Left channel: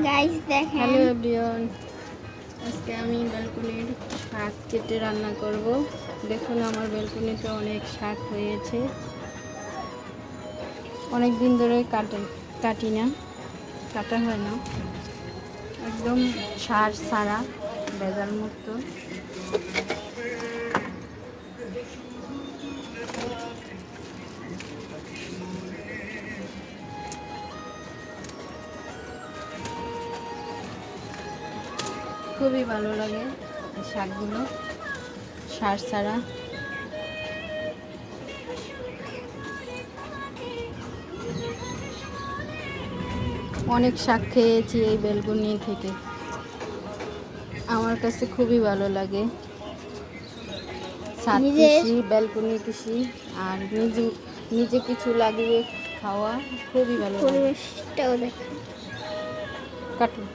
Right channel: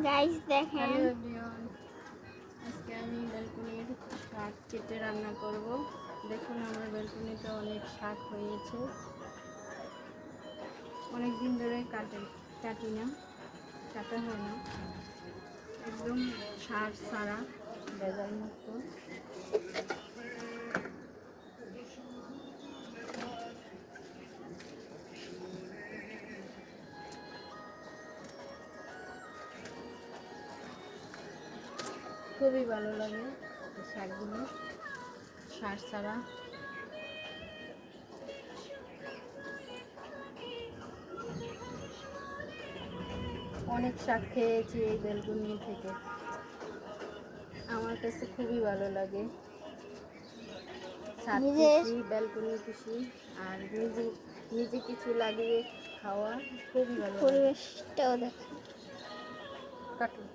Guys দেখেন। Hello everyone, আজকে আমি ব্যালকনির শাক কেটে রান্না করব। দেখুন আমার ব্যালকনিতে অনেক শাক হয়েছে, অনেক দিন ধরে কাটি না, কাটা হয় না, একদম সার সারা ভেজাল মুক্ত। খুবই ভালো লাগে এই শাকগুলো, সার ছাড়া। অনেক শাক খেয়েছি এই বেলকুনি থেকে, আমার কাছে খুবই ভালো লাগে। ছাদ কৃষি, ব্যালকনি কৃষি আর নিজে কিছু লাগিয়ে খাওয়া খুবই ভালো লাগে। পরিবেশটাও দেখেন। কাটুন।